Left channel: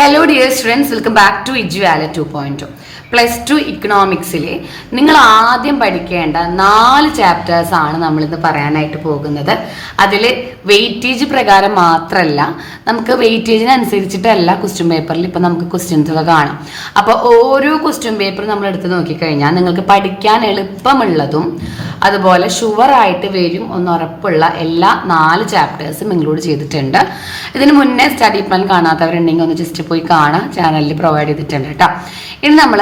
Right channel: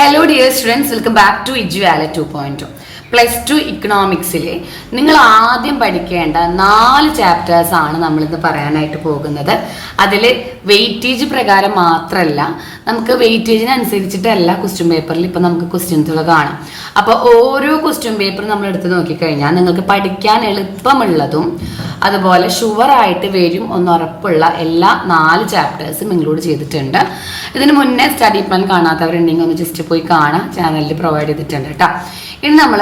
Hello dear students, welcome back to ഇജുവാല 2.0. +2 ഇക്കണോമിക്സിലെ നിങ്ങൾ ആദ്യം പഠിക്കേണ്ട 4 ചാപ്റ്റേഴ്സ് ആണ് നമ്മളിന്ന് പറയാനായിട്ട് പോകുന്നത്. അതിൽ വെയിറ്റേജ് പ്രകാരം മാത്രമല്ല, നമുക്ക് വെയിറ്റേജിനനുസരിച്ചിട്ടല്ല ക്വസ്റ്റ്യൻ പേപ്പറിൽ ഇപ്പം നമുക്ക് ക്വസ്റ്റ്യൻസുകൾ കാണാം. അപ്പോൾ ഓരോ ക്വസ്റ്റ്യൻ പേപ്പർ നമ്മൾ എടുത്ത് നോക്കിക്കഴിഞ്ഞാൽ നിങ്ങൾക്ക് പഠിക്കാൻ എളുപ്പമുള്ളതും അതുപോലെ ഷുവറായിട്ട് വരും ഉറപ്പുള്ള എല്ലാ 4 ചാപ്റ്റേഴ്സും ഇൻക്ലൂഡ് ചെയ്തിട്ടുണ്ട്. ഇതിന് മുന്നേ സ്റ്റഡി പ്ലാൻ കാണാത്തവരുണ്ടെങ്കിൽ ഒന്ന് ജസ്റ്റ് പോയി കാണാം, ചാനലിൽ പ്രൊവൈഡ് ചെയ്തിട്ടുണ്ട് കേട്ടോ. ഇനി നമ്മൾ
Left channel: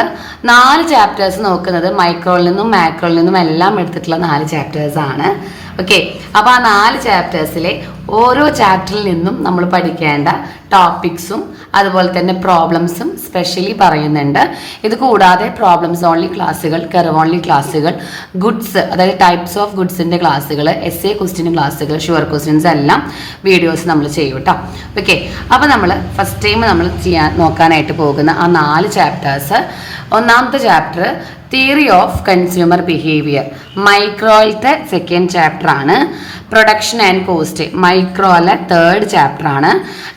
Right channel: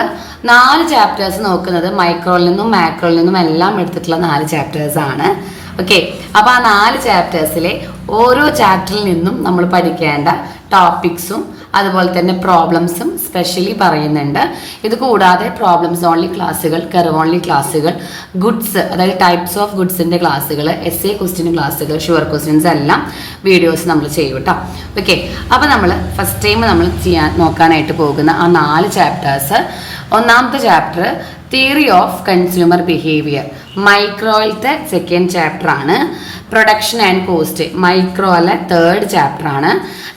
4 ചാപ്റ്റേഴ്സ് നോക്കുന്നത് മൈക്രോയിൽ നിന്നും മാക്രോയിൽ നിന്നും എല്ലാം എടുത്തിട്ടുള്ള 4 ചാപ്റ്റേഴ്സ് ആണ്. ഓക്കെ, അപ്പോൾ ആ 4 ചാപ്റ്റേഴ്സിലെ ഓരോ ചാപ്റ്ററിൽ നിന്നും നമ്മൾ പഠിക്കേണ്ട ടോപ്പിക്സും അതുപോലെ തന്നെ പ്രോബ്ലംസും സ്പെഷ്യലി പറയുന്നുണ്ട്. ഇത് കൂടാതെ പ്രോബ്ലംസ് ഓൺലി ക്ലാസ്സുകൾ, കർവ് ഓൺലി ക്ലാസ്സുകൾ, ഗുഡ്സ് അതായത് ടൈപ്സ് ഓഫ് ഗുഡ്സിന്റെ ക്ലാസ്സുകൾ, എസ്എ ക്വസ്റ്റ്യൻ ക്ലാസ്സുകൾ, ഷുവർ ക്വസ്റ്റ്യൻസ് എല്ലാം വീഡിയോസ് നമ്മൾ ചെയ്യും കേട്ടോ. ഓക്കെ, അപ്പോൾ നമ്മൾ ഫസ്റ്റ് ടൈം നമ്മൾ നോക്കാനായിട്ട് പോകുന്ന ആ 4 ചാപ്റ്റേഴ്സ്. ഒന്നാമത്തെ chapter theory of consumer behaviour, മൈക്രോയിലത്തെ സെക്കൻഡ് ചാപ്റ്റർ ആണ്. പ്രൊഡക്ഷൻ ആൻഡ് കോസ്റ്റ് മൈക്രോയിലെ 3rd ചാപ്റ്റർ ആണ്.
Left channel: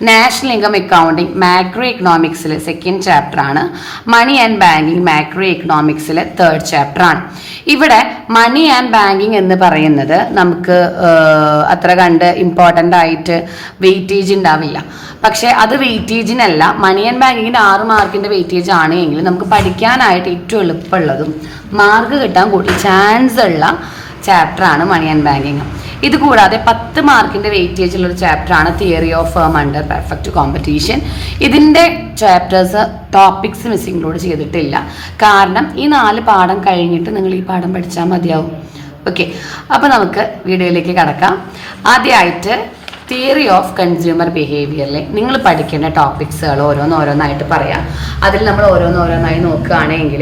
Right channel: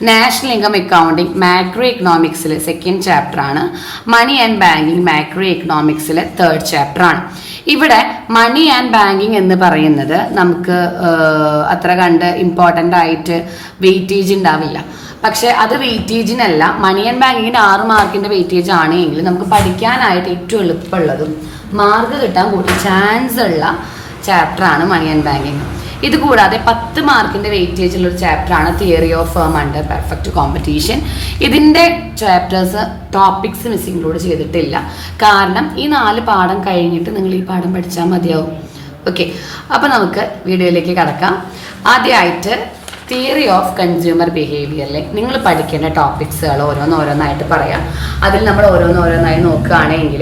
നാഷണൽ ഇൻകം അക്കൗണ്ടിങ് മാക്രോ എക്കണോമിക്സിലെ സെക്കൻഡ് ചാപ്റ്റർ ആണ്. മണി ആൻഡ് ബാങ്കിങ് മാക്രോ എക്കണോമിക്സിലെ 3rd ചാപ്റ്റർ ആണ്. ഇവിടെ മണി ആൻഡ് ബാങ്കിങ് എന്ന് പറയുന്നത് നമുക്ക് അത്ര കണ്ട് ഇമ്പോർട്ടൻ്റ് ആയിട്ട് വെയിറ്റേജ് ഉണ്ടാവില്ല. പക്ഷെ അത് വെയിറ്റേജിനല്ല, മണി ആൻഡ് ബാങ്കിങ്ങിന് 6 മാർക്കിന്റെ വെയിറ്റേജ് ആണെങ്കിൽ നമുക്ക് പഠിക്കാനായിട്ട് ഏറ്റവും എളുപ്പമുള്ളതും മാർക്ക് കിട്ടാൻ കൂടി ചാൻസ് ഉള്ള ചാപ്റ്റർ ആണ് മണി ആൻഡ് ബാങ്കിങ്. ഇത് കൂടാതെ 10 മാർക്കിന്റെ വെയിറ്റേജ് ഉള്ള ഒരു ചാപ്റ്റർ ആണ് theory of firm under perfect competition. ഇതിന്റെ ചാപ്റ്റേഴ്സ് ടോപ്പിക്സ് മിസ് ഇൻക്ലൂഡ് ചെയ്തിട്ടില്ല, കാരണം ഈ 4 പാഠം കഴിഞ്ഞിട്ട് നിങ്ങൾ ഈ പാഠം പഠിച്ചാൽ മതിയാവും. ഓക്കെ, അപ്പോൾ നമുക്ക് വീഡിയോയിലേക്ക് കടക്കാം. ആദ്യമായിട്ട് തിയറി ഓഫ് കൺസ്യൂമർ ബിഹേവിയറിലെ നിങ്ങൾ പഠിക്കേണ്ട ടോപ്പിക്സുകൾ ഓരോന്നായിട്ട് പറയാം. അതിൽ നമ്മൾ ഓരോന്നായി നോക്കുകയാണെങ്കിൽ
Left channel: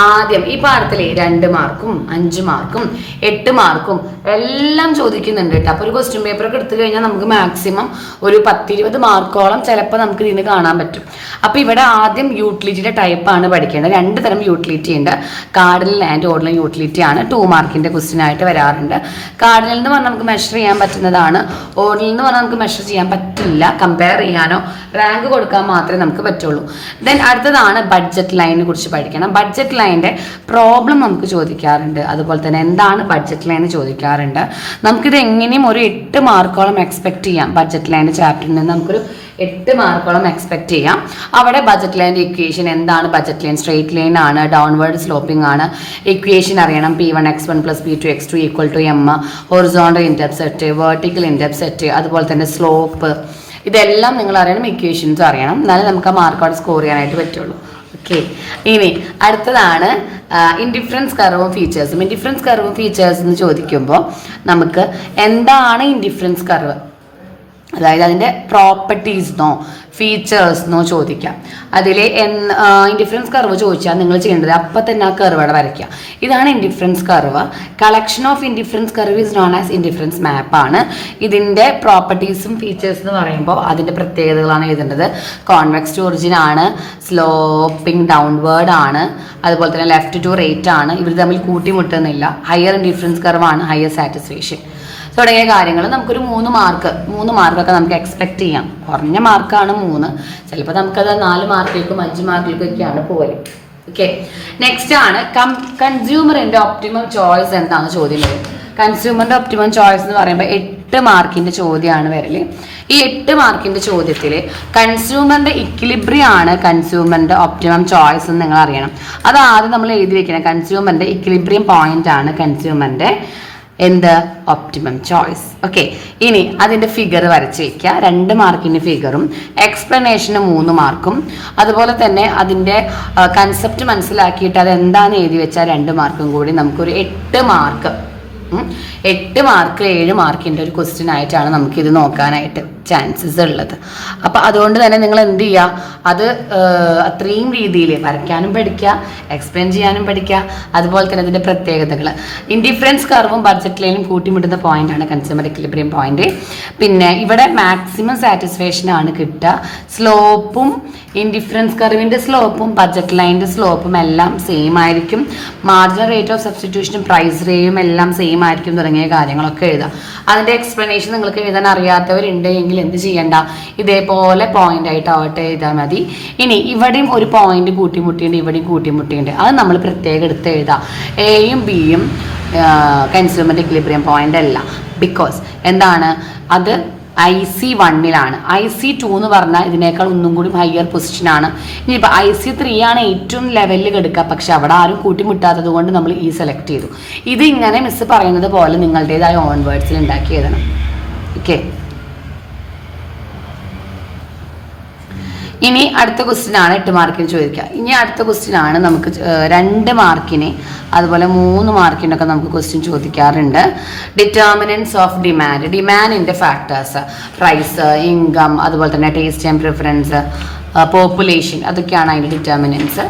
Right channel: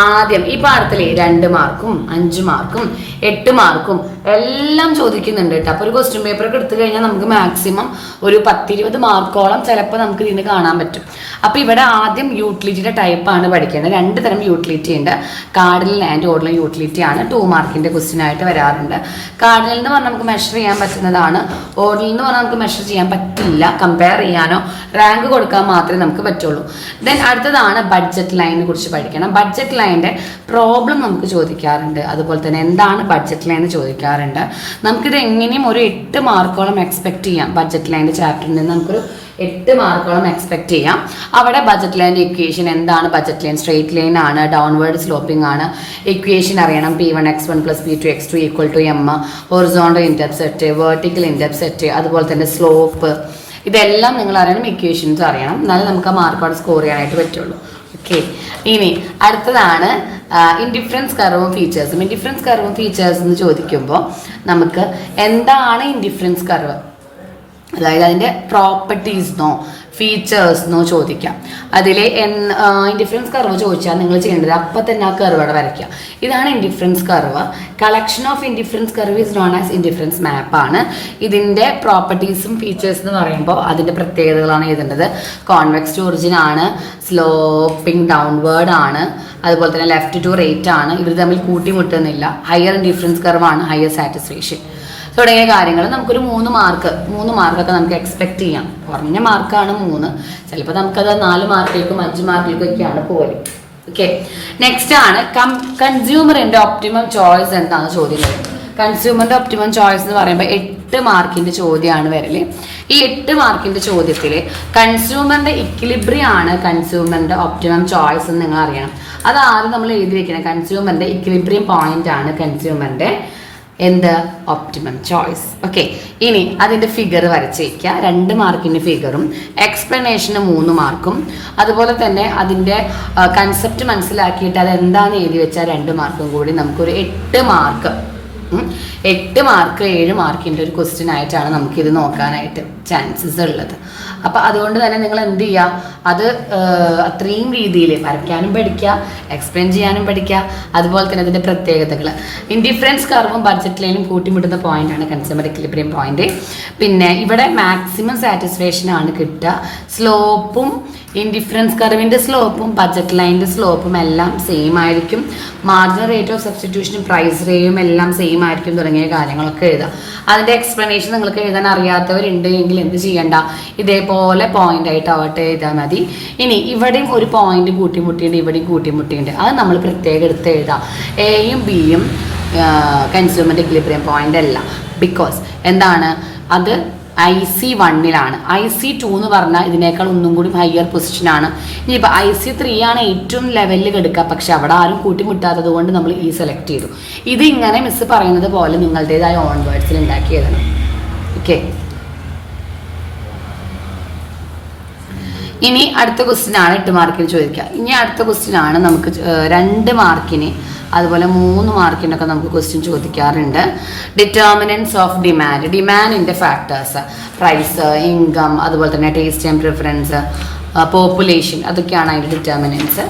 ആദ്യം ഈ പാഠത്തിൽ 2 മാർക്കും 5 മാർക്കും 8 മാർക്കും എല്ലാം ചോദിക്കുന്നുണ്ട് കേട്ടോ. അപ്പോൾ ഒരു ക്വസ്റ്റ്യൻ പേപ്പറൊക്കെ എടുത്തു കഴിഞ്ഞാൽ നമുക്ക് മാക്സിമം ഒരു 10-20 മാർക്കോളം ചിലപ്പോൾ നമുക്ക് ഇതിന് കാണാൻ പറ്റും. അപ്പോൾ ഇവിടെ ആദ്യം യൂട്ടിലിറ്റിയുടെ ടൈപ്പാണ് പഠിക്കേണ്ടത്. 2 തരം യൂട്ടിലിറ്റി ഉണ്ട്. കാർഡിനൽ ആൻഡ് ഓർഡിനൽ യൂട്ടിലിറ്റി ആണ് 2 മാർക്കിന്റെ ക്വസ്റ്റ്യൻ ആയിട്ട് വരാറുണ്ട്. കാർഡിനൽ എന്ന് പറഞ്ഞാൽ നമുക്ക് മെഷർ ചെയ്യാൻ പറ്റുന്നതാണ്. ഓർഡിനൽ എന്ന് പറഞ്ഞാൽ നമുക്ക് മെഷർ ചെയ്യാൻ പറ്റില്ല, കമ്പയർ ചെയ്യാനോ റാങ്ക് കൊടുക്കാൻ മാത്രമേ നമുക്ക് പറ്റുള്ളൂ. ദെൻ അടുത്തതാണ് ബഡ്ജറ്റ് ലൈനിനെ കുറിച്ച് പഠിക്കണം. ബഡ്ജറ്റ് ലൈനിന്റെ പ്രോബ്ലം നമുക്ക് ചോദിക്കാറുണ്ട്, അതുപോലെ തന്നെ എന്താണ് ബഡ്ജറ്റ് ലൈൻ ചോദിക്കാറുണ്ട്. നമുക്കിത് എങ്ങനെയും ഒരു 8 മാർക്കോളം എക്സ്പെക്ട് ചെയ്യാം. ബഡ്ജറ്റ് ലൈനിന്റെ ചാപ്റ്ററിൽ നിന്ന് നമുക്കൊരു 8 മാർക്കോളം എക്സ്പെക്ട് ചെയ്യാം. അവിടെ ബഡ്ജറ്റ് ലൈൻ്റെ ഇക്വേഷൻ എന്താണ്? ബഡ്ജറ്റ് ലൈൻ സ്ട്രെയിറ്റ് ലൈൻ ആണ്, ഡൗൺവേർഡ് സ്ലോപ്പിംഗ് ആണ്. ഇക്വേഷൻ അറിയണം. P1x1 + P2x2 = M, horizontal intercept, vertical intercept, അതുപോലെ തന്നെ സ്ലോപ്പ്, ഇതെല്ലാം നിങ്ങൾ അറിയണം. ഇക്വേഷൻസ് അറിയണം, എന്നാലേ നമുക്ക് ആ മാർക്കോടെ സ്കോർ ചെയ്യാനായിട്ട് പറ്റുള്ളൂ. ഓക്കെ, ഇനി അടുത്തതാണ് ഇൻഡിഫറൻസ് കർവും ഫീച്ചേഴ്സും. ഇൻഡിഫറൻസ് കർവും ഫീച്ചേഴ്സ് എന്ന് ചോദിക്കുമ്പോൾ നമുക്ക് എന്താണ് ഇൻഡിഫറൻസ് കർവ്, അതായത് അതിൻ്റെ പ്രോപ്പർട്ടീസ്ന്നോ ഫീച്ചേഴ്സ്ന്നോ ചോദിക്കാം. അതിൽ ഇൻഡിഫറൻസ് കർവ് ചോദിച്ചാൽ നിങ്ങൾ ചെയ്യേണ്ടത് അപ്പം തന്നെ ആ കർവ് അവിടെ വരയ്ക്കുക. ഇതാണ് indifference curve. Collection of indifference curve is known as indifference map ആണ്. ഇതിൻ്റെ പ്രോപ്പർട്ടീസും ഫീച്ചേഴ്സ് എന്ന് പറയുമ്പോൾ അതിൻ്റെ പ്രത്യേകതകളാണ് എഴുതേണ്ടത്. കോൺവെക്സ് ടു ഒറിജിൻ ആണ്, സ്ലോപ്പിംഗ് ഡൗൺവേർഡ് ആണ്, അതുപോലെ തന്നെ ലെഫ്റ്റ് ടു റൈറ്റ് ആണ്. ഇവർ തമ്മിൽ കൂട്ടിമുട്ടുന്നില്ല. ഹയർ ഇൻഡിഫറൻസ് കർവ് ആണ്, ഹയർ സാറ്റിസ്ഫാക്ഷൻ തുടങ്ങിയ കാര്യങ്ങൾ നമുക്കൊരു 3 മാർക്കൊക്കെ നമുക്ക് എക്സ്പെക്ട് ചെയ്യാം. കുറഞ്ഞ മാർക്കാണ് 3, ചിലപ്പോൾ നമുക്കത് 4 മാർക്കിലേക്കും 5 മാർക്കിലേക്കൊക്കെയാണ് പോലും. ഓക്കെ, നെക്സ്റ്റ് ആണ് കൺസ്യൂമറിന്റെ ഒപ്റ്റിമം ചോയ്സ് എന്താണെന്ന് ചോദ്യം വരും. കൺസ്യൂമറിന്റെ ഒപ്റ്റിമം ചോയ്സ് എന്ന് പറയുമ്പോൾ 8 മാർക്കിന്റെ ചോദ്യമാണ് വരല്. ഈ 8 മാർക്കിന്റെ ചോദ്യത്തിൽ കൺസ്യൂമറിന്റെ ഇക്വിലിബ്രിയം ആണ് കൺസ്യൂമറിന്റെ ഒപ്റ്റിമം ചോയ്സ് എന്ന് നിങ്ങൾ അറിയണം. അത് ആദ്യം നമ്മൾ എഴുതി വെക്കണം. കൺസ്യൂമറിന്റെ ഇക്വിലിബ്രിയം പോയിന്റ് ആണ് കൺസ്യൂമറിന്റെ ഒപ്റ്റിമം ചോയ്സ്. ഓക്കെ, ഇനി അതിന്റെ ഫിഗർ വരച്ച് വയ്ക്കുക. 2 മാർക്കിന്റെ ഫിഗറും എക്സ്പ്ലനേഷന് 3 മാർക്കും, അതുപോലെ തന്നെ അതിന്റെ കൺസെപ്റ്റ് മനസ്സിലാക്കിയിട്ട് അത് എന്താണെന്ന് എഴുതി വെച്ചാൽ 2 മാർക്കും കൂടി നമുക്കൊരു 8 മാർക്ക് 7 മാർക്കിന്റെ ഒരു ക്വസ്റ്റ്യൻ ആയിട്ടാണ് നമുക്കിത് നോക്കാനായിട്ട് ചാൻസസ് ഉള്ളത്. അപ്പം അതുകൊണ്ട് തന്നെ നിങ്ങൾ എന്ത് ചെയ്യുക, അത് അത്രയും രീതിയിൽ വരയ്ക്കാനും പഠിക്കുക, എക്സ്പ്ലെയിൻ ചെയ്യാനും പഠിക്കുക. അതുപോലെ തന്നെ അതിൻ്റെ പ്രത്യേകതകൾ, ഇൻഡിഫറൻസ് കർവും ബഡ്ജറ്റ് ലൈനും കൂട്ടിമുട്ടുന്ന പോയിന്റാണ് കൺസ്യൂമർ ഇക്വിലിബ്രിയം പോയിന്റ്. പിന്നെ ഇവിടെ മാക്സിമം സാറ്റിസ്ഫാക്ഷൻ ആണ് കിട്ടുക. സ്ലോപ്പും ഇൻഡിഫറൻസ് കർവിൻ്റെ സ്ലോപ്പും ബഡ്ജറ്റ് ലൈനിൻ്റെ സ്ലോപ്പും എല്ലാം സെയിം ആയിരിക്കും. മാർജിനൽ റേറ്റ് ഓഫ് സബ്സ്റ്റിറ്റ്യൂഷനും പ്രൈസ് റേയും എല്ലാം സെയിം സെയിം ആയിരിക്കും തുടങ്ങിയ കാര്യങ്ങളൊക്കെ എഴുതാം. അതിന്റെ എക്സ്പ്ലനേഷൻ നിങ്ങൾക്ക് എഴുതാൻ അറിയാത്തവരുണ്ട് എങ്കിൽ എന്ത് ചെയ്യണ്ട, ഇതേപോലെ പോയിന്റ് ആയിട്ടാവട്ടെ എഴുതാൽ മതി. ഇനി ഇവിടെയും ഒരു പോയിന്റ് കൂട്ടിമുട്ടിയുണ്ട്, ഇവിടെയും കൂട്ടിമുട്ടിയുണ്ട്, അത് നമ്മൾ പ്രത്യേകം എടുത്ത് എഴുതാം. എയും ബിയും കൺസ്യൂമർ ഇക്വിലിബ്രിയം പോയിന്റ് അല്ല. ബിക്കോസ് എന്താണ് അത് IC1 IC2 എന്ന് പറഞ്ഞാൽ ഇതിനേക്കാൾ ഒന്നും കൂടി ഹയർ പൊസിഷനാണ്. ഇനിയിപ്പോൾ IC3 ആണ് ഏറ്റവും ലെവലിൽ കിടക്കുക, പക്ഷെ അവിടെ ആരും കൂട്ടിമുട്ടാത്തത് കൊണ്ട് നമ്മൾ ഈ സെലക്ട് ചെയ്തു. ഇത് ഇങ്ങനെ മിസ് പറയുന്നത് പോലെ നിങ്ങളുടേതായ ഓൺ വേർഡ്സിൽ ഉണ്ടാക്കി എഴുതണം. ഓക്കെ, ഇനി അടുത്ത ക്വസ്റ്റ്യൻ ആണ് 8 മാർക്കിന് ചോദിക്കുക. ഇനി അടുത്ത ക്വസ്റ്റ്യൻ ആണ് നമുക്ക് 2 മാർക്കിന് അതുപോലെ 3 മാർക്കിനൊക്കെ നമുക്ക് ക്വസ്റ്റ്യൻ ചോദിക്കാറുണ്ട്. ഡിറ്റർമിനൻസ് ഓഫ് ഡിമാൻഡ്, ഡിമാൻഡിന്റെ ഫാക്ടേഴ്സ്, പ്രൈസ്, ഇൻകം, അതുപോലെ തന്നെ ടേസ്റ്റ് ആൻഡ് പ്രിഫറൻസ്, പോപ്പുലേഷൻ, അതൊക്കെയാണ് അതിൻ്റെ ഡിറ്റർമിനൻസ്.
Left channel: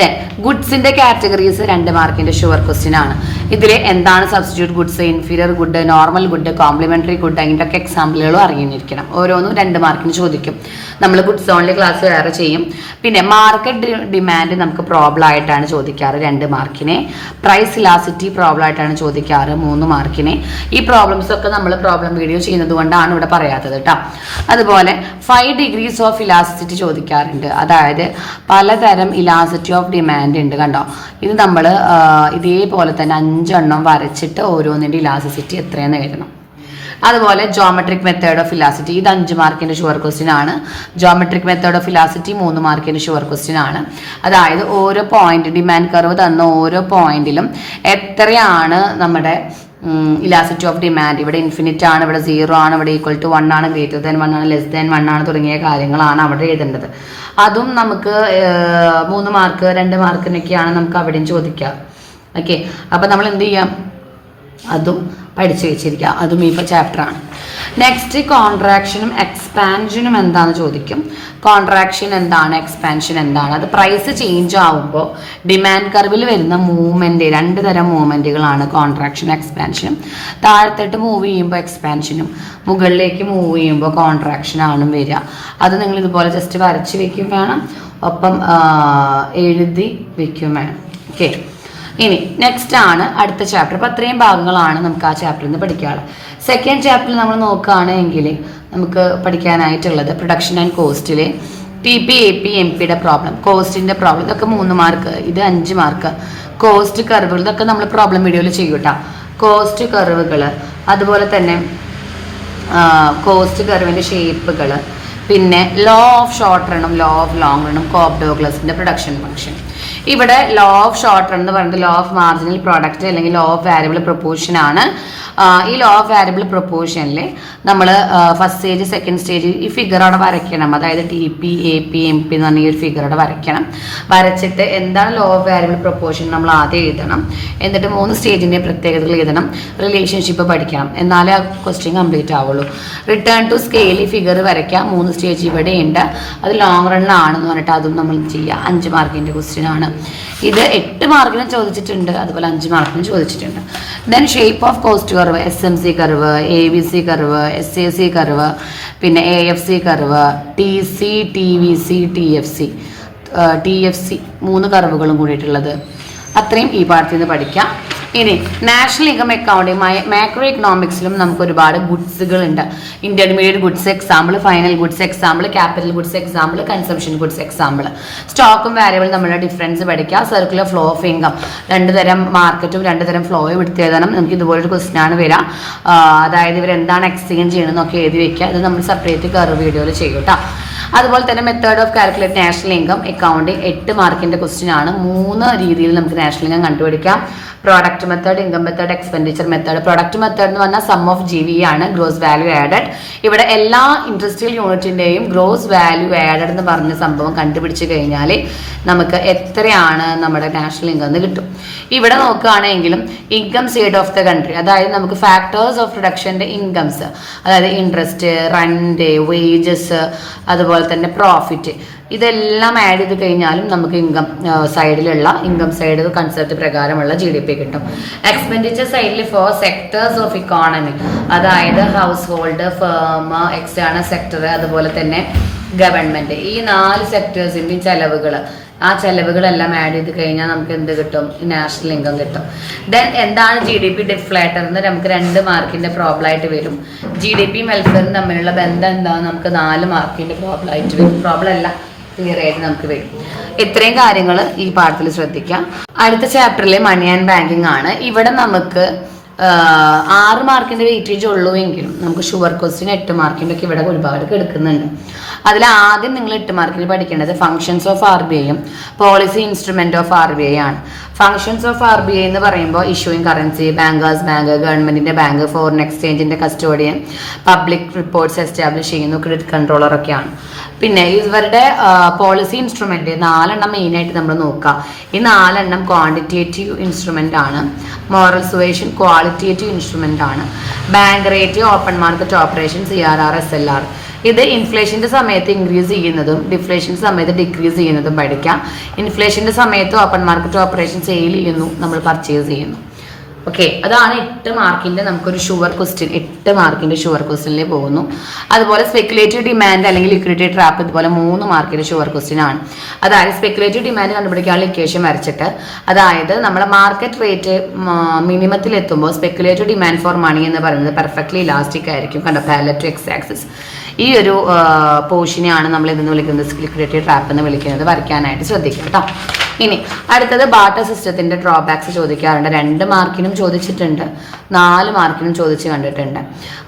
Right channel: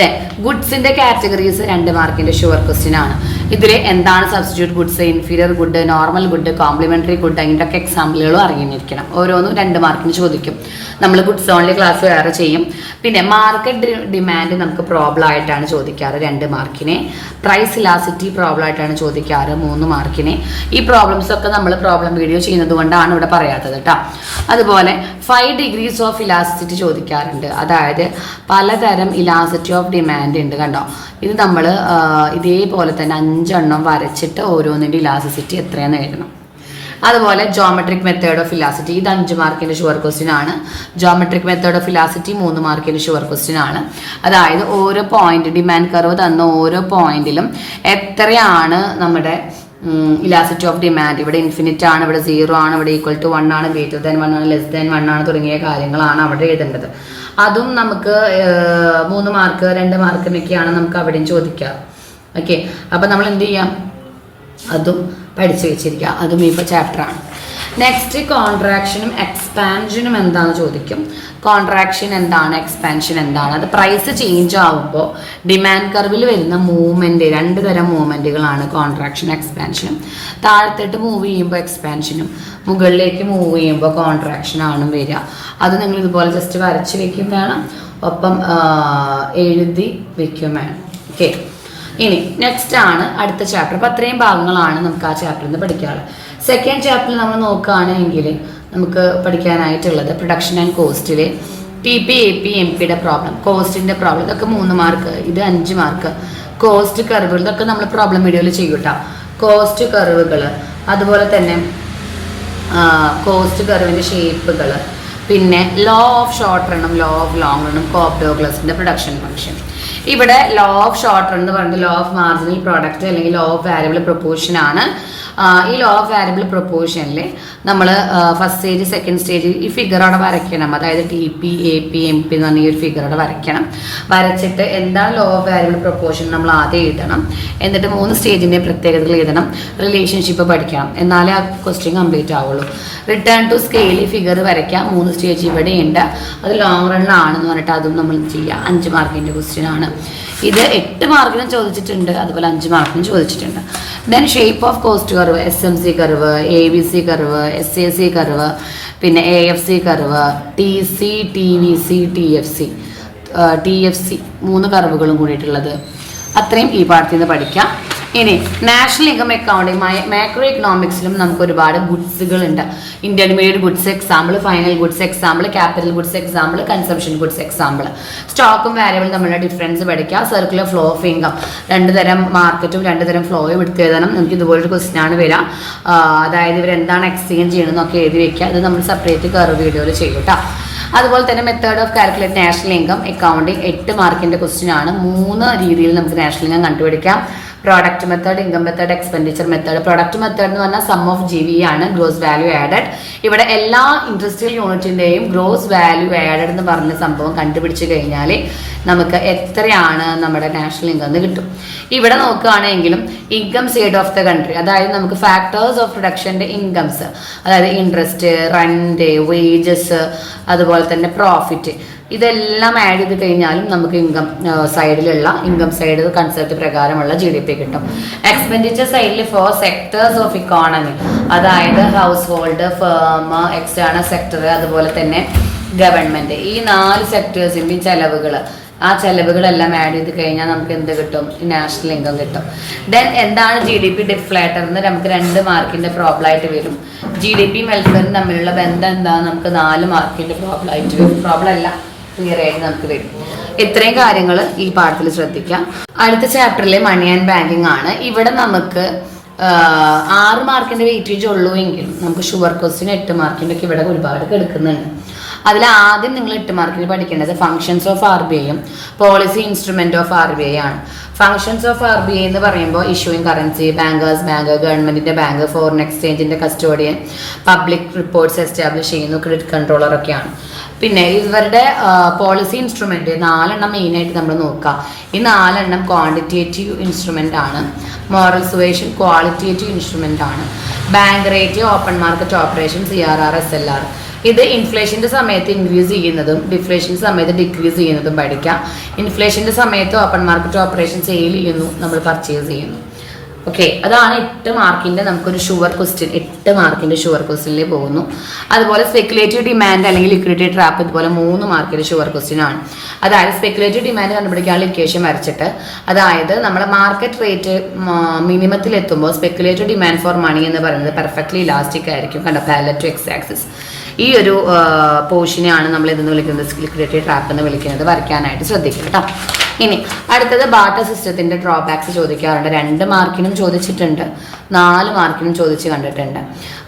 ദെൻ ഗുഡ്സിന്റെ കാറ്റഗറീസ് 2 മാർക്കിന്റെ ഷുവർ ക്വസ്റ്റ്യൻ ആണ്. ഇതിൽ എന്താണ് substitute goods, inferior good, normal good, complementary good, അതിൻ്റെയൊക്കെ എക്സാമ്പിളുകളും അറിഞ്ഞിരിക്കണം. ഓരോന്നും 2 മാർക്കിന് ചോദിക്കും. നമ്മൾ ഗുഡ്സ് ഓൺലി ക്ലാസ് വേറെ ചെയ്യും. പിന്നെ മാർക്കറ്റ് ഡിമാൻഡ് നമുക്ക് പ്രോബ്ലം ആയിട്ടാണ് ചോദിക്കാറ് 2 മാർക്കിന്. പ്രൈസ് ഇലാസിറ്റി പ്രോബ്ലം ആയിട്ടാണ് ചോദിക്കാറ് 3 മാർക്കിന്. ഈ പ്രോബ്ലംസ് ഒക്കെ നമ്മൾ പ്രോബ്ലം വീഡിയോ ചെയ്യുന്നത് കൊണ്ടാണ് ഇവിടെ പറയാത്തത് കേട്ടോ. അതുപോലെ 5 ഡിഗ്രീസ് ഓഫ് ഇലാസ്റ്റിസിറ്റി ചോദിക്കാറുണ്ട്. അതായത് പലതരം ഇലാസ്റ്റിറ്റി ഓഫ് ഡിമാൻഡ് ഉണ്ട് കണ്ടോ. ഇത് നമ്മൾ ഇതേപോലെ തന്നെ 5 എണ്ണം വരച്ചിട്ട് ഓരോന്നിൻ്റെ ഇലാസ്റ്റിസിറ്റി എത്രയാണെന്ന് എഴുതണം. അതുപോലെ ജോമെട്രിക് മെത്തേഡ് ഓഫ് ഇലാസിറ്റി, ഇത് 5 മാർക്കിന്റെ ഷുവർ ക്വസ്റ്റ്യൻ ആണ്. ജോമെട്രിക് മെത്തേഡ് ഓഫ് ഇലാസിറ്റി 3 മാർക്കിന്റെ ഷുവർ ക്വസ്റ്റ്യൻ ആണ്. അതായത് ഓരോ പോയിന്റ്, ഡിമാൻഡ് കർവ് തന്ന ഓരോ പോയിന്റിലും എത്രയാണ് നമ്മുടെ ഇലാസിറ്റി ഓഫ് ഡിമാൻഡ്. ഇവിടെ ഇൻഫിനിറ്റ് ആണ്, ഇവിടെ 0 ആണ്, ഇവിടെ ഈക്വൽ ടു 1 ആണ്, ഗ്രേറ്റർ ദാൻ 1 ആണ്, ലെസ് ദാൻ 1 ആണ് തുടങ്ങിയ കാര്യങ്ങളാണ് അവിടെ എഴുതേണ്ടത്. അതും നമുക്ക് 3 മാർക്ക് 2 മാർക്കിനൊക്കെയാണ് നമുക്ക് അവിടെയും ചോദിക്കാം. ഓക്കെ, അപ്പൊ നമ്മൾ എന്ത് ചെയ്യാം, അതും പഠിച്ചു വെച്ചിരിക്കുക. അതും ഈ ചാപ്റ്ററാണ്. നെക്സ്റ്റ് കോൺട്രാക്ഷനും എക്സ്പാൻഷനും എന്താണെന്ന് ചോദിക്കും. കോൺട്രാക്ഷൻ എന്താണ്, എക്സ്പാൻഷൻ എന്താണ്? അത് പ്രൈസ് ചേഞ്ച് ആവുമ്പോൾ ഡിമാൻഡ് കർവിൽ വരുന്ന മൂവ്മെന്റ്, 2 തരം മൂവ്മെന്റുകളാണ് കോൺട്രാക്ഷനും എക്സ്പാൻഷനും. താഴത്തോട്ട് മൂവ് ചെയ്യുമ്പോൾ എക്സ്പാൻഷനും, മുകളിലേക്ക് മൂവ് ചെയ്യുമ്പോൾ കോൺട്രാക്ഷനാണ് വരിക. അത് നിങ്ങൾ ഇതുപോലെ ജസ്റ്റ് വരച്ച് വെക്കും വേണം, ഒപ്പം എഴുതി വെക്കും വേണം. ഓക്കെ, ഇനി നെക്സ്റ്റ് ആണ് അടുത്ത ചാപ്റ്റർ. അപ്പം അത്രയും ഭാഗങ്ങളാണ് നമുക്ക് ആ ചാപ്റ്ററിൽ നിന്ന് പഠിക്കാനുള്ളത്. സെക്കൻഡ് ചാപ്റ്ററിൽ നമ്മൾ നോക്കുകയാണെങ്കിൽ നമുക്ക് പഠിക്കാനായിട്ടുള്ളത് പ്രൊഡക്ഷൻ ആൻഡ് കോസ്റ്റിൽ PP, AP, MP പ്രോബ്ലം, കോസ്റ്റിന്റെ പ്രോബ്ലം, ഇതൊക്കെ 3 മാർക്ക്, ഇത് 5 മാർക്ക്. കോസ്റ്റ് കർവുകൾ, ഇതൊക്കെ നമ്മൾ പ്രോബ്ലം വീഡിയോയിൽ ചെയ്യൂട്ടാ. കോസ്റ്റ് കർവുകൾ, അതുപോലെ തന്നെ കോസ്റ്റ് കർവിന്റെ ഷേപ്പുകൾ, പിന്നെ ലോ ഓഫ് ഷോർട്ട് റണ്ണും ലോ ഓഫ് ലോങ് റണ്ണും, കോപ്പ്-ഡോഗ്ലസിന്റെ പ്രൊഡക്ഷൻ ഫംഗ്ഷൻ. ഇവിടെ ലോ ഓഫ് ഷോർട്ട് റൺ എന്ന് പറയുന്നത് ലോ ഓഫ് മാർജിനൽ പ്രോഡക്റ്റ് അല്ലെങ്കിൽ ലോ ഓഫ് വാരിയബിൾ പ്രൊപ്പോർഷൻ ആണ്. ഈ ലോ ഓഫ് വാരിയബിൾ പ്രൊപ്പോർഷനിൽ നമ്മൾ ഫസ്റ്റ് സ്റ്റേജ്, സെക്കൻഡ് സ്റ്റേജ് ഈ ഫിഗർ അവിടെ വരയ്ക്കണം. അതായത് TP, AP, MP എന്ന് പറഞ്ഞ ഈ ഒരു ഫിഗർ അവിടെ വരയ്ക്കണം. വരച്ചിട്ട് എന്താണ് ലോ ഓഫ് വാരിയബിൾ പ്രൊപ്പോർഷൻ നമ്മൾ ആദ്യം എഴുതണം. എന്നിട്ട് 3 സ്റ്റേജിന്റെ പ്രത്യേകതകൾ എഴുതണം. റിലേഷൻഷിപ്പ് പഠിക്കണം, എന്നാലേ ആ ക്വസ്റ്റ്യൻ കംപ്ലീറ്റ് ആവുള്ളൂ. റിട്ടേൺ ടു സ്കെയിൽ ഫിഗർ വരയ്ക്കാം. 3 സ്റ്റേജ് ഇവിടെ ഉണ്ട്. അത് ലോങ് റണ്ണിലാണെന്ന് പറഞ്ഞിട്ട് അതും നമ്മൾ ചെയ്യാം. 5 മാർക്കിന്റെ ക്വസ്റ്റ്യൻ ആണ് ഇത്. 8 മാർക്കിനും ചോദിച്ചിട്ടുണ്ട്, അതുപോലെ 5 മാർക്കിനും ചോദിച്ചിട്ടുണ്ട്. Then shape of cost curve, SMC curve, ABC curve, SAC curve, പിന്നെ AFC curve, TC, TVC, TFC 3 കർവുകളും കൂടിയിട്ടുള്ളത്. അത്രയും ഈ പാർട്ടിൽ നിന്ന് പഠിക്കാം. ഇനി നാഷണൽ ഇൻകം അക്കൗണ്ടിങ്, മാക്രോ ഇക്കണോമിക്സിലും നമുക്ക് ഒരുപാട് ഗുഡ്സുകൾ ഉണ്ട്. Intermediate goods example, final goods example, capital goods example, consumption goods example. സ്റ്റോക്കും വാരിയബിളും തമ്മിലുള്ള ഡിഫറൻസ് പഠിക്കാം. സർക്കുലർ ഫ്ലോ ഓഫ് ഇൻകം, 2 തരം മാർക്കറ്റും 2 തരം ഫ്ലോയും എടുത്ത് എഴുതണം. നമുക്ക് ഇതുപോലൊരു ക്വസ്റ്റ്യൻ ആണ് വരാം. അതായത് ഇവരെന്താണ് എക്സ്ചേഞ്ച് ചെയ്യണമെന്നൊക്കെ എഴുതി വെക്കുക. അത് നമ്മൾ സെപ്പറേറ്റ് കർവ് വീഡിയോയിൽ ചെയ്യും കേട്ടോ. അതുപോലെ തന്നെ method of calculate national income accounting 8 മാർക്കിന്റെ ക്വസ്റ്റ്യൻ ആണ്. 3 രീതിയിൽ നമുക്ക് നാഷണൽ ഇൻകം കണ്ടുപിടിക്കാം. Product method, income method, expenditure method. Product method എന്ന് പറഞ്ഞാൽ സം ഓഫ് GV ആണ്, ഗ്രോസ് വാല്യൂ ആഡഡ്. ഇവിടെ എല്ലാ ഇൻഡസ്ട്രിയൽ യൂണിറ്റിന്റെയും ഗ്രോസ് വാല്യൂ ആഡഡ് എന്ന് പറഞ്ഞ സംഭവം കണ്ടുപിടിച്ച് കഴിഞ്ഞാൽ നമുക്ക് എത്രയാണ് നമ്മുടെ നാഷണൽ ഇൻകം എന്ന് കിട്ടും. ഇവിടെ നോക്കുകയാണെങ്കിലും income side of the country, അതായത് നമുക്ക് ഫാക്ടേഴ്സ് ഓഫ് പ്രൊഡക്ഷന്റെ ഇൻകംസ്, അതായത് ഇൻട്രസ്റ്റ്, റെന്റ്, വേജസ്, അതുപോലെ തന്നെ പ്രോഫിറ്റ്, ഇതെല്ലാം ആഡ് ചെയ്ത് കഴിഞ്ഞാലും നമുക്ക് ഇൻകം സൈഡിലുള്ള ഇൻകം സൈഡ് കൺസെപ്റ്റ് പ്രകാരമുള്ള GDP കിട്ടും. എക്സ്പെൻഡിച്ചർ സൈഡിൽ ഫോർ സെക്ടേഴ്സ് ഓഫ് ഇക്കോണമി, അതായത് house hold, firm, external sector, അതുപോലെ തന്നെ ഗവൺമെന്റ്. ഈ 4 സെക്ടേഴ്സിന്റെയും ചെലവുകൾ, ആ ചെലവുകളെല്ലാം ആഡ് ചെയ്ത് കഴിഞ്ഞാൽ നമുക്ക് എന്ത് കിട്ടും? നാഷണൽ ഇൻകം കിട്ടും. ദെൻ എന്താണ് GDP ഡിഫ്ലേറ്റർ എന്ന് നമുക്ക് 2 മാർക്കിന്റെ പ്രോബ്ലം ആയിട്ട് വരും. GDP വെൽഫെയറും തമ്മിലുള്ള ബന്ധം എന്താണെന്ന് നമുക്ക് 4 മാർക്കിന്റെ പ്രോബ്ലം ആയിട്ട് വരും. പ്രോബ്ലം അല്ല, ക്ലിയർ ആയിട്ട് നമുക്ക് വരും. ഇത്രയും കാര്യങ്ങൾ ഈ പാഠത്തിൽ ശ്രദ്ധിക്കാം. അടുത്ത ചാപ്റ്ററിലെ മണി ആൻഡ് ബാങ്കിങ് ആണ്. ഇവിടെ നമുക്ക് 6 മാർക്കിന്റെ വെയിറ്റേജ് ഉള്ളൂ എങ്കിലും നമുക്ക് ഷുവർ ക്വസ്റ്റ്യൻ 8 മാർക്കിന്റെ ഒക്കെ ഇവിടെ ഒരുപാട് എടുക്കുന്നുണ്ട്. അതിൽ ആദ്യം നിങ്ങൾ 8 മാർക്കിൽ പഠിക്കേണ്ടത് ഫങ്ഷൻസ് ഓഫ് RBIയും പോളിസി ഇൻസ്ട്രുമെന്റ് ഓഫ് RBI ആണ്. ഫങ്ഷൻസ് ഓഫ് RBI എന്ന് പറയുമ്പോൾ ഇഷ്യൂയിങ് കറൻസി, ബാങ്കേഴ്സ് ബാങ്ക്, ഗവൺമെന്റിന്റെ ബാങ്ക്, ഫോറിൻ എക്സ്ചേഞ്ചിന്റെ കസ്റ്റോഡിയൻ, പബ്ലിക് റിപ്പോർട്ട്സ് എസ്റ്റാബ്ലിഷ് ചെയ്യുന്നു, ക്രെഡിറ്റ് കൺട്രോളർ ഒക്കെയാണ്. പിന്നെ ഇവരുടെ പോളിസി ഇൻസ്ട്രുമെന്റ് 4 മെയിൻ ആയിട്ട് നമ്മൾ നോക്കുക. ഈ 4 ക്വാണ്ടിറ്റേറ്റീവ് ഇൻസ്ട്രുമെന്റ് ആണ്. മോറൽ സുവേഷൻ ക്വാളിറ്റേറ്റീവ് ഇൻസ്ട്രുമെന്റ് ആണ്. Bank rate, open market operation, CRR, SLR. ഇത് ഇൻഫ്ലേഷന്റെ സമയത്ത് ഇൻക്രീസ് ചെയ്യുന്നതും ഡിഫ്ലേഷന്റെ സമയത്ത് ഡിക്രീസ് ചെയ്യുന്നതും പഠിക്കാം. ഇൻഫ്ലേഷന്റെ സമയത്ത് ഓപ്പൺ മാർക്കറ്റ് ഓപ്പറേഷൻ സെയിൽ ചെയ്യുന്നു, നമ്മൾ പർച്ചേസ് ചെയ്യുന്നു. ഓക്കെ, അതാണ് 8 മാർക്കിന്റെ നമുക്കൊരു ഷുവർ ക്വസ്റ്റ്യൻ. 8 മാർക്കിന്റെ ഷുവർ ക്വസ്റ്റ്യനിൽ പോകുന്നു. അതുപോലെ സ്പെക്കുലേറ്റീവ് ഡിമാൻഡ് അല്ലെങ്കിൽ ലിക്വിഡിറ്റി ട്രാപ്പ്, ഇതുപോലെ 3 മാർക്കിന്റെ ഷുവർ ക്വസ്റ്റ്യൻ ആണ്. അതായത് സ്പെക്കുലേറ്റീവ് ഡിമാൻഡ് കണ്ടുപിടിക്കാനുള്ള ഇക്വേഷൻ വരച്ചിട്ട്, അതായത് നമ്മളെ മാർക്കറ്റ് റേറ്റ് മിനിമത്തിൽ എത്തുമ്പോൾ സ്പെക്കുലേറ്റീവ് ഡിമാൻഡ് ഫോർ മണി എന്ന് പറയുന്നത് പെർഫെക്റ്റ്ലി ഇലാസ്റ്റിക് ആയിരിക്കും. കണ്ടോ, പാരലൽ ടു എക്സ് ആക്സിസ്. ഈ ഒരു പോർഷനെയാണ് നമ്മൾ ഇതെന്ന് വിളിക്കുന്നത് ലിക്വിഡിറ്റി ട്രാപ്പ് എന്ന് വിളിക്കുന്നത്. വരയ്ക്കാനായിട്ട് ശ്രദ്ധിക്കുക കേട്ടോ. ഇനി അടുത്തത് ബാർട്ടർ സിസ്റ്റത്തിന്റെ ഡ്രോബാക്സ് ചോദിക്കാറുണ്ട്. 2 മാർക്കിനും ചോദിച്ചിട്ടുണ്ട്, 4 മാർക്കിനും ചോദിച്ച് കണ്ടിട്ടുണ്ട്.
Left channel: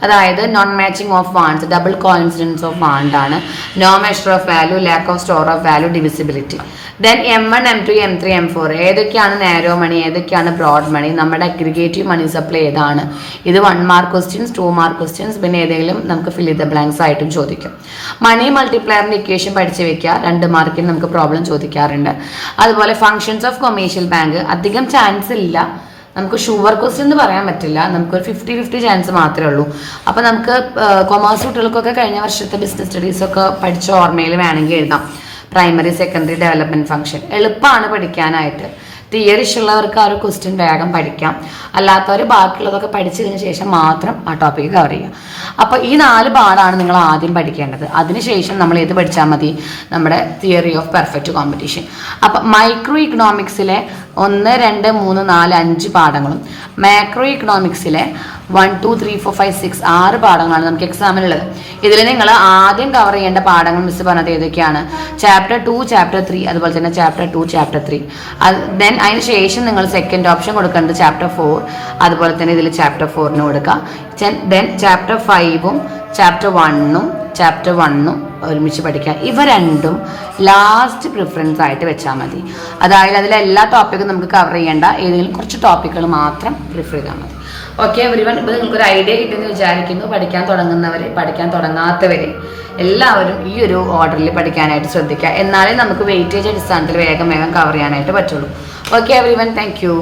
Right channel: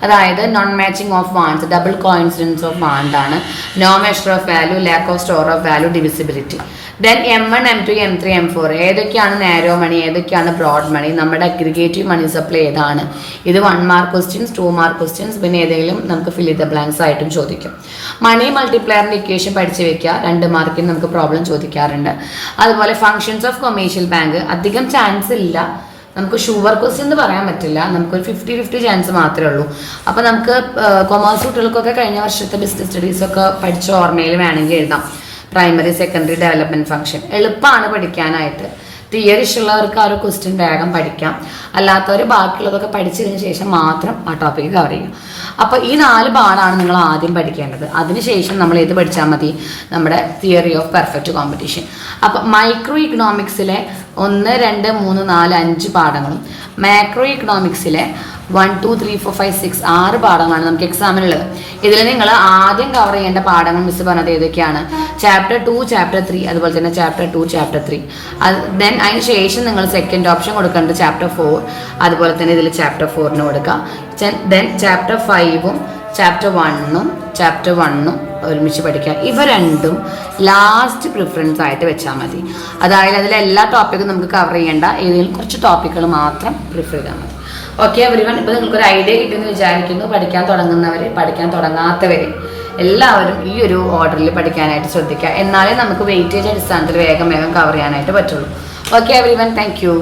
അതായത് non matching of wants, double coincidence of want ആണ്. No measure of value, lack of store of value, divisibility. Then M1, M2, M3, M4 ഏതൊക്കെയാണ് നാരോ മണി, ഏതൊക്കെയാണ് ബ്രോഡ് മണി, നമ്മുടെ അഗ്രിഗേറ്റീവ് മണി സപ്ലൈ ഏതാണ്. ഇത് 1 മാർക്ക് ക്വസ്റ്റ്യൻസ്, 2 മാർക്ക് ക്വസ്റ്റ്യൻസ്, പിന്നെ ഏതെങ്കിലും നമുക്ക് fill the blanks ആയിട്ടും ചോദിക്കും. മണി മൾട്ടിപ്ലയറിന്റെ ഇക്വേഷൻ പഠിച്ചു വെക്കുക, 2 മാർക്കിന് നമുക്ക് പ്രോബ്ലം ചോദിക്കാറുണ്ട്. അതുപോലെ ഫങ്ഷൻസ് ഓഫ് കൊമേഴ്ഷ്യൽ ബാങ്ക് അധികം ചാൻസ് ഇല്ല, നമുക്ക് ഷുവർ ക്വസ്റ്റ്യൻ എന്ന് പറയാൻ പറ്റില്ല, നമുക്കൊരു 50-50 ചാൻസ് മാത്രമേ ഉള്ളൂ. അപ്പോൾ നമുക്ക് കൊമേഴ്സ് കുട്ടികൾക്കൊക്കെ കഴിഞ്ഞ വർഷത്തെ ബിസിനസ് സ്റ്റഡീസ് ഒക്കെ പഠിച്ച ഓർമ്മയിൽ വേണമെങ്കിൽ എഴുതാം. പ്രൈമറി സെക്കൻഡറി ഡെവലപ്മെന്റ് ഫംഗ്ഷൻ എളുപ്പമാണ് പഠിക്കാനായിട്ട്. തിയറി ഉള്ളവർക്ക് ആ ഒരു ക്വസ്റ്റ്യൻ വേഗം പഠിക്കാം, അല്ലാത്തവർ ബാക്കിയുള്ളതൊക്കെ പഠിച്ചതിന് ശേഷം മാത്രം ആ ടോപ്പിക്ക് കവർ ചെയ്യാം. അപ്പോൾ ഈ 4 പാഠമാണ് നിങ്ങൾ ആദ്യം പഠിക്കേണ്ടത്. അതിനുശേഷം നമ്മൾ ഏത് പഠിച്ചാൽ മതി? നമ്മുടെ തിയറി ഓഫ് പെർഫെക്റ്റ് കോമ്പറ്റീഷൻ. അപ്പം മൈക്രോ ഇക്കണോമിക്സിലെ 1, 2, 3, 4, 5 പാഠങ്ങളും മാക്രോ ഇക്കണോമിക്സിലെ 1, 2, 3, 4, 5, 6, 6 പാഠങ്ങളാണ് നമുക്ക് എക്സാമിനുള്ളത്. ഇതിൽ നിങ്ങൾ ആദ്യം കവർ ചെയ്യേണ്ട പാഠങ്ങൾ മിസ് പറഞ്ഞത് ഏതൊക്കെയാണ്? ചാപ്റ്റർ 2, ചാപ്റ്റർ 3, അതുപോലെ തന്നെ ചാപ്റ്റർ 2, ചാപ്റ്റർ 3. ദെൻ അതിന് ശേഷം നിങ്ങൾ സെക്കൻഡ് ഓപ്ഷൻ കൊടുക്കേണ്ടത് ചാപ്റ്റർ 4, അതുപോലെ തന്നെ ഇതിൽ ചാപ്റ്റർ 4 കൊടുക്കുക. ദെൻ ചാപ്റ്റർ 5ഉം ചാപ്റ്റർ 1ഉം ചാപ്റ്റർ 1ഉം ഒരുമിച്ച് പഠിക്കുക. ഇവ രണ്ടും ലാസ്റ്റ് പ്രിഫറൻസ് ആയിട്ട് വെച്ചാൽ മതി. അതായത് അതിലെ എല്ലാ ടോപ്പിക്കും നമുക്ക് കവർ ചെയ്യേണ്ട, ഏതെങ്കിലും കുറച്ച് ടോപ്പിക്കുകൾ മാത്രം പ്രിഫർ ചെയ്താൽ മതി. ഓക്കെ എവരിവൺ, ഇപ്പോൾ നിങ്ങൾക്കൊരു ഐഡിയ കിട്ടുമെന്ന് വിചാരിക്കുന്നു. പഠിക്കാൻ തുടങ്ങുന്നവർ, പഠിക്കാൻ തുടങ്ങാത്തവർ എല്ലാവരും ഈ ഒരു ഓർഡറിൽ പഠിക്കാനായിട്ട് ശ്രദ്ധിക്കുക. എന്നാലേ നമുക്ക് വെയിറ്റേജ് അടിസ്ഥാനത്തിൽ വേഗം കവർ ചെയ്യാനായിട്ട് പറ്റുള്ളൂ. Okay everyone, thank you.